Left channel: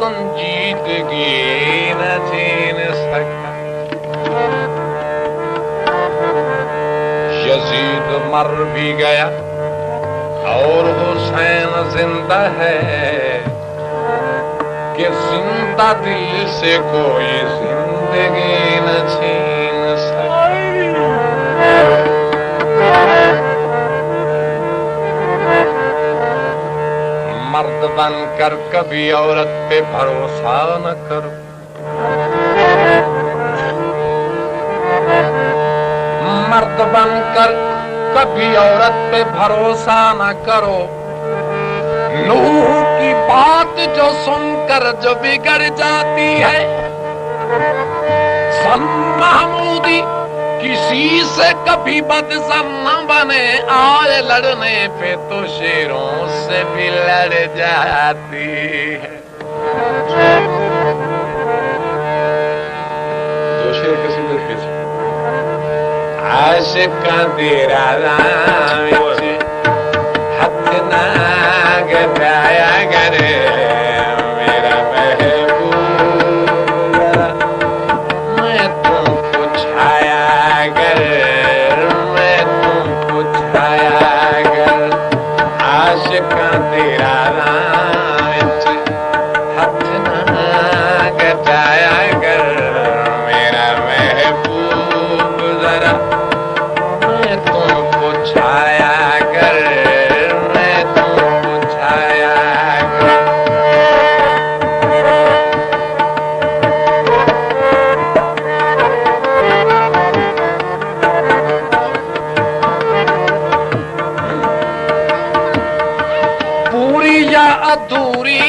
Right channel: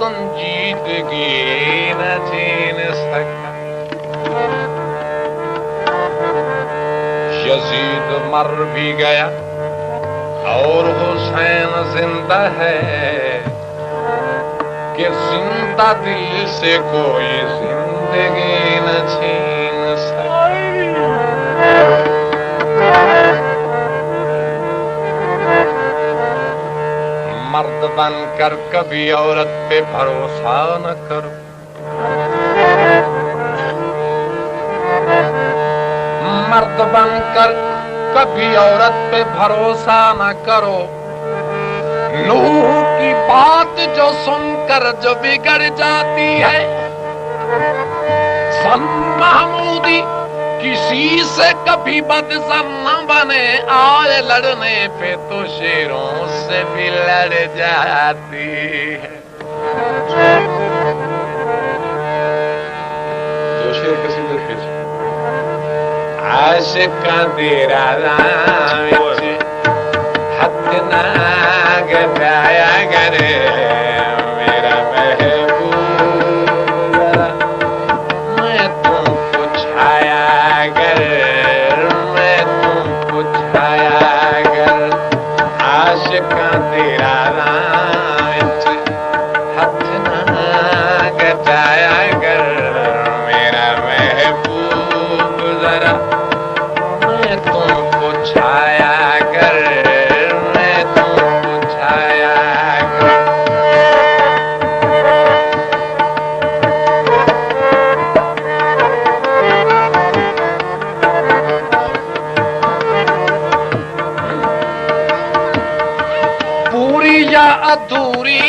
संजीदगी न जीन सका। यजीद मर भी गया और हुसैन जिंदा है कि जिंदा दिल से कोई जिंदगी न छीन सका। मर्द बनकर कभी औरत पे भरोसा न करो। मर्द बनकर कभी औरत पे भरोसा न करो। नूह की बात जो सुनकर जो बिगड़ जाती है, सन महमूदी किसी से कभी बदसम न बने। आए लड़ने पे तो शेरों से भी लड़ जाती है। दो शेर किसी दिल की आशिका तेरा राम हथ ना गवाया करे मेरा महबूब। मैं तुमको छाया कर, मैं तुमको छाया कर। आशिका तेरा राज हथ ना गवाया कर मेरा महबूब। जरा मैं तुमको छाया कर, मैं तुमको छाया कर। पूरी या अधूरी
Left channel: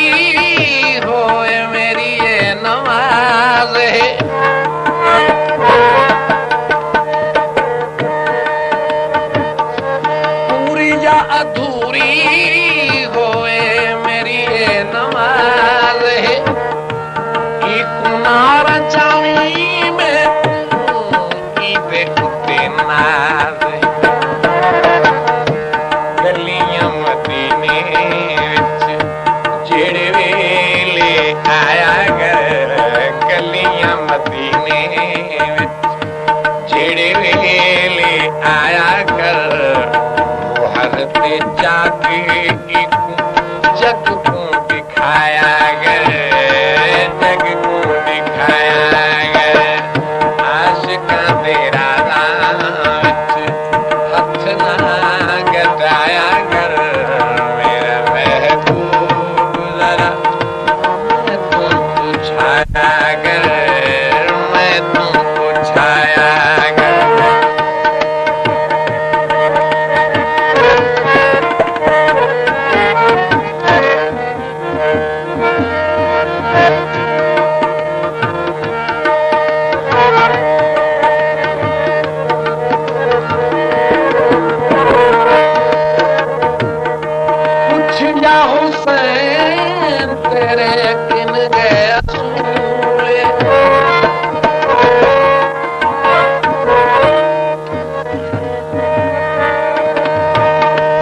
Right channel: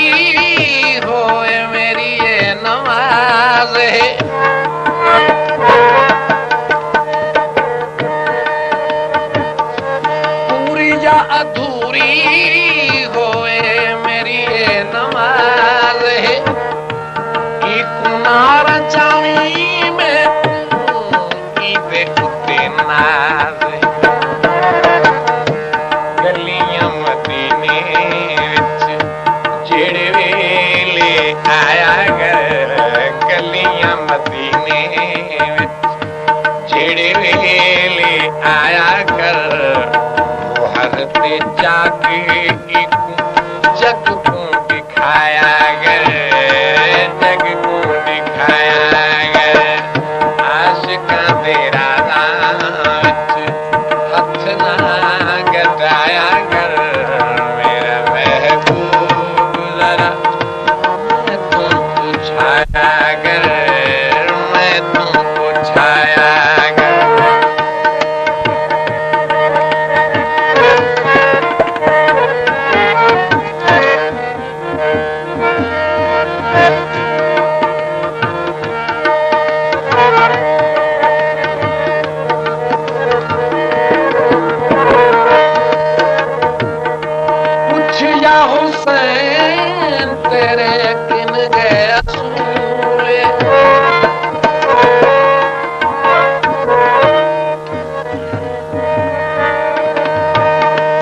होए मेरी ये नमाज है। पूरी या अधूरी होए मेरी ये नमाज है। कि कुनार चावी में की देखते नाज है। गलियां मदीने विच जेड़े वेले आया गए। गलियां मदीने विच जेड़े वेले आया कर। वो हरते जाके जग को दिखाया गए, जग को दिखाया गए। आशिका तेरा राम हथ ना गदाया कर मेरे महबूब। जरा मैं तुमको छाया कर, मैं तुमको छाया कर। पूछिया हुसैन तेरे किन गए असूल।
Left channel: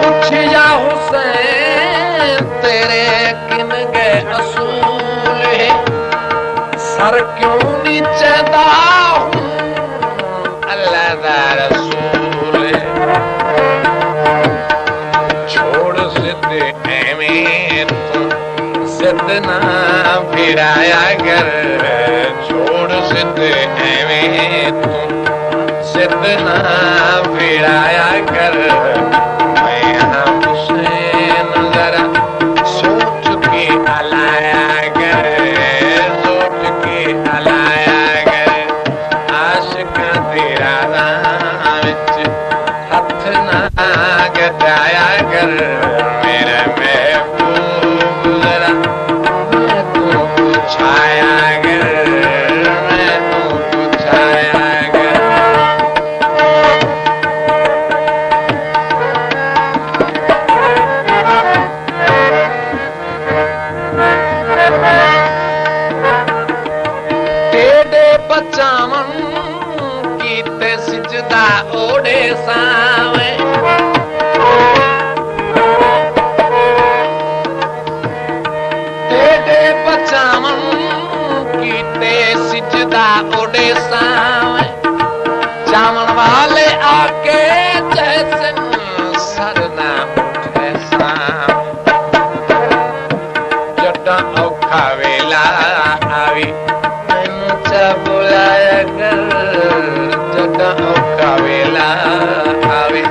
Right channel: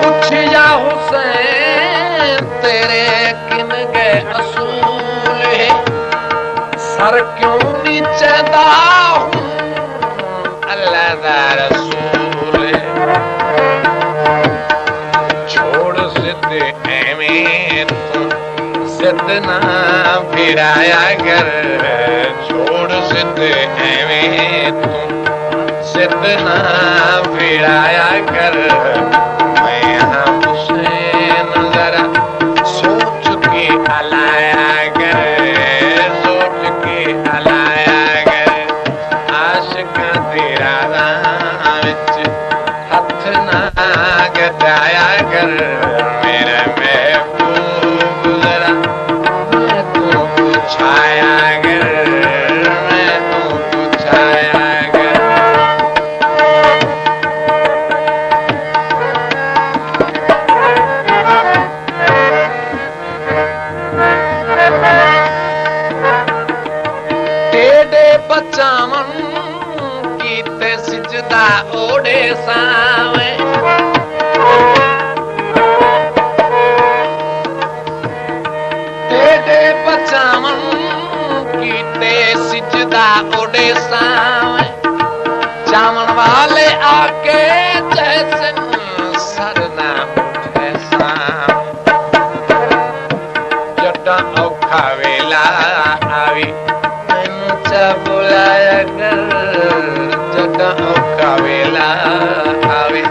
पूछिया हुसैन तेरे किन गए असूल। सर क्यों नीचे दाऊं अल्लाह दा रसूल। छोड़ सिद्ध एमें तू सिद्ध ना फिराया कर। छोड़ सिद्ध एमें तू सिद्ध ना फिराया कर। मैं यहाँ हुसैन जरा सोच के हलाया कर, सोच के हलाया कर। आशिका तेरा राम हथ ना गदाया कर मेरा महबूब। जरा मैं तुमको छाया कर, मैं तुमको छाया कर। टेढ़े बचावन कीते सिजदा ओढ़े सावे। टेढ़े बचावन उड़दा उड़े सावे चावण वाले आके जैसे सरना उठे सावे जदा औखा वेला आवी मैनू चा बुलाया कर जदा औखा वेला आवी